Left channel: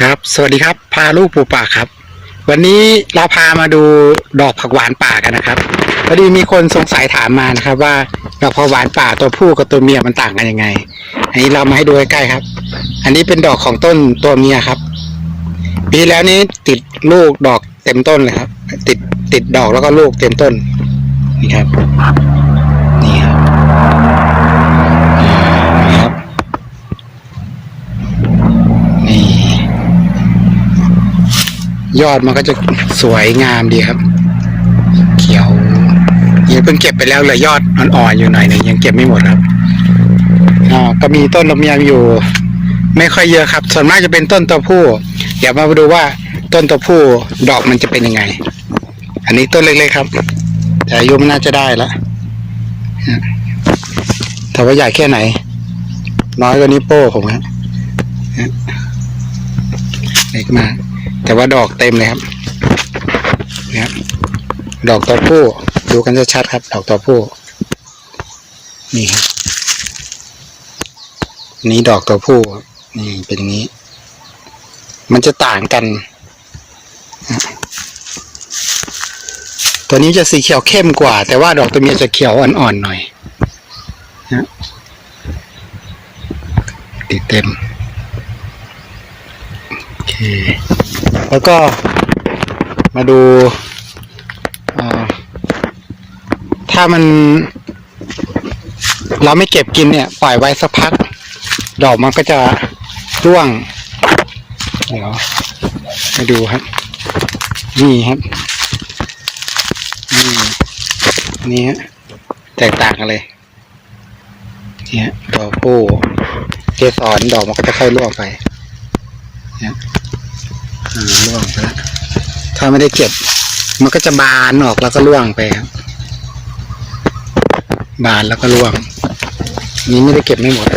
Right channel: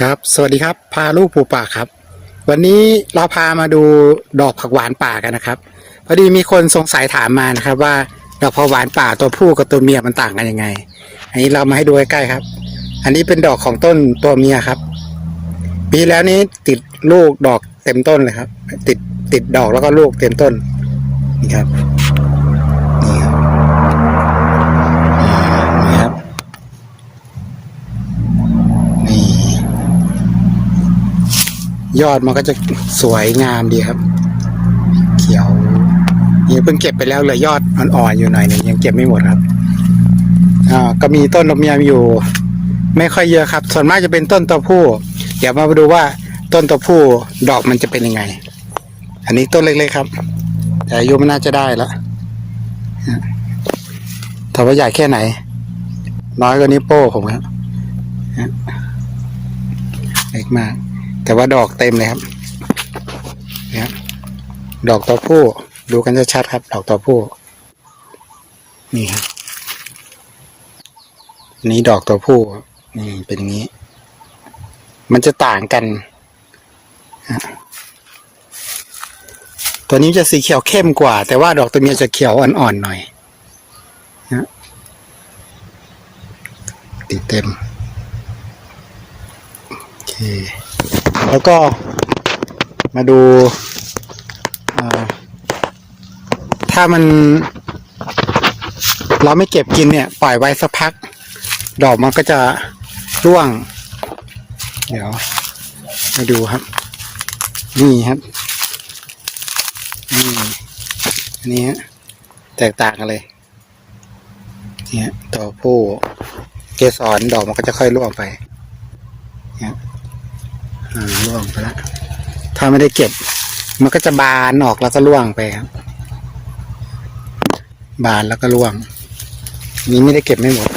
ครับ สวัสดีครับ พาลูกปูป่าครับ วันนี้เราพามาดูดอกผักหวานป่ากันนะครับ พอดีมีคนสงสัยถามมานะครับ ว่าดอกผักหวานป่าตัวผู้กับตัวเมียมันต่างกันยังไง อันนี้เรามาให้ดูใกล้ๆครับ อันนี้เป็นดอกของต้นตัวเมียครับ ปีแล้วนี้ติดลูกดอกเต็มต้นเลยครับ ติดติดดอกแล้วก็ลูกเต็มต้น นี่ครับ นี่ครับนี่ครับ นี่ ยอดมันก็จะสวยงามดีครับ เขียวยังเพิ่งเก็บไปแล้วเลยยอดอ่อนๆอยู่หน่อยนึงยังเก็บไม่หมดครับอ่าก็มีต้นลำไยอยู่ ไม่ค่อยเยอะครับ ส่วนมากจะเป็นต้นตัวผู้ เดี๋ยวมาดูว่าต้นตัวผู้ดอกมันจะเป็นยังไง อันนี้ต้นเล็กๆครับ แต่อายุมันน่าจะได้แล้วถามว่าใหญ่แค่ไหน น้อยกว่านี้วโป้ผมครับเล็กมาก แต่ว่าดอกเต็มเลยครับนะครับ ดอกตัวผู้ดูกันชัดๆครับ ดอกตัวผู้ นี่ครับนี่ดอกตัวผู้นี่เป็นงนี้ มันจะต่างกัน ตัวนี้จะสีเขียวเข้มกว่า แต่ว่าดอกตัวเมียจะเขียวอ่อนๆหน่อยนะติดเต็ม โอเค แล้วก็มาดู ถ้ามัน เราไม่เก็บกินเนี่ย ปล่อยไว้สักพัก ดอกมันก็จะร่วง เดี๋ยวไปดูครับ นี่ครับนี่อันนี้แตกต่างกันเลยเนี่ยตัวผู้เกสรดอกมันก็จะค่อยร่วงไปเนี่ย ร่วงไปแล้วถ้าไม่ได้เก็บ มันก็จะบานออกแล้วก็ร่วงไปครับ บานแล้วก็ร่วง นี้ไม่ได้เก็บไม่หมด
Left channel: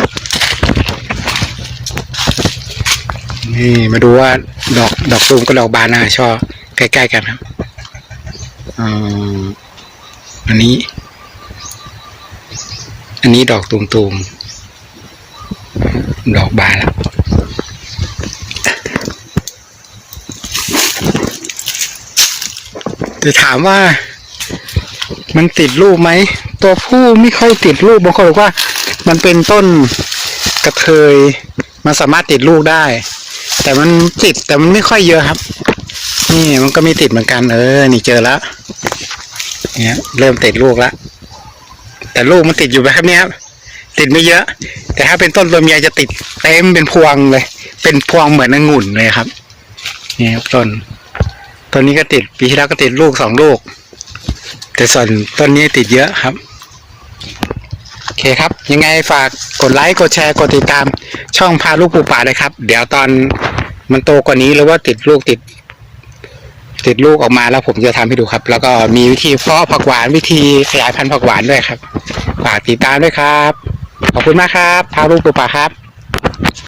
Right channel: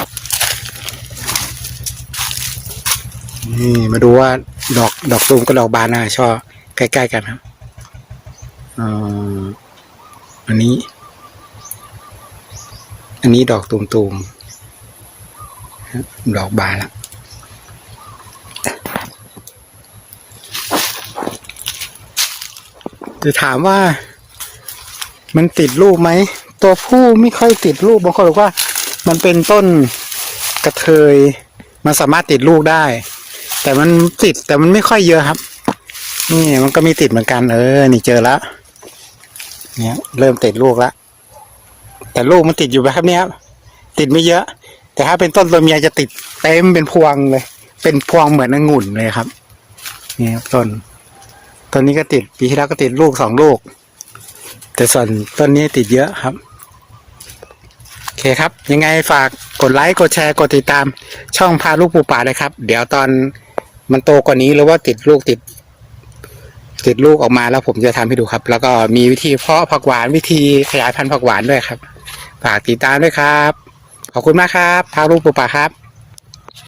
นี่มาดูว่าดอกดอกตูมกับดอกบานนะช่อใกล้ๆกันครับอันนี้ อันนี้ดอกตูมๆดอกบานแล้ว จะถามว่า มันติดลูกไหม ตัวผู้ไม่ค่อยติดลูกบางคนบอกว่า มันเป็นต้นกระเทยมันสามารถติดลูกได้ แต่มันติดแต่มันไม่ค่อยเยอะครับ นี่มันก็มีติดเหมือนกันเออ นี่เจอแล้วเนี่ยเริ่มติดลูกแล้วแต่ลูกมันติดอยู่แบบนี้ครับติดไม่เยอะ แต่ถ้าเป็นต้นตัวเมียจะติดเต็มเป็นพวงเลย เป็นพวงเหมือนองุ่นเลยครับ นี่ครับต้น ต้นนี้ก็ติดปีที่แล้วก็ติดลูกสองลูก แต่ส่วนต้นนี้ติดเยอะครับโอเคครับ ยังไงฝากกดไลค์กดแชร์กดติดตาม ช่องพาลูกปูป่าเลยครับ เดี๋ยวตอนมันโตกว่านี้หรือว่าติดลูกติด ติดลูกออกมาแล้วผมจะทำให้ดูครับ แล้วก็มีวิธีเพาะผักหวานวิธีขยายพันธุ์ผักหวานด้วยครับฝากติดตามด้วยครับ ขอบคุณมากครับพาลูกปูป่าครับ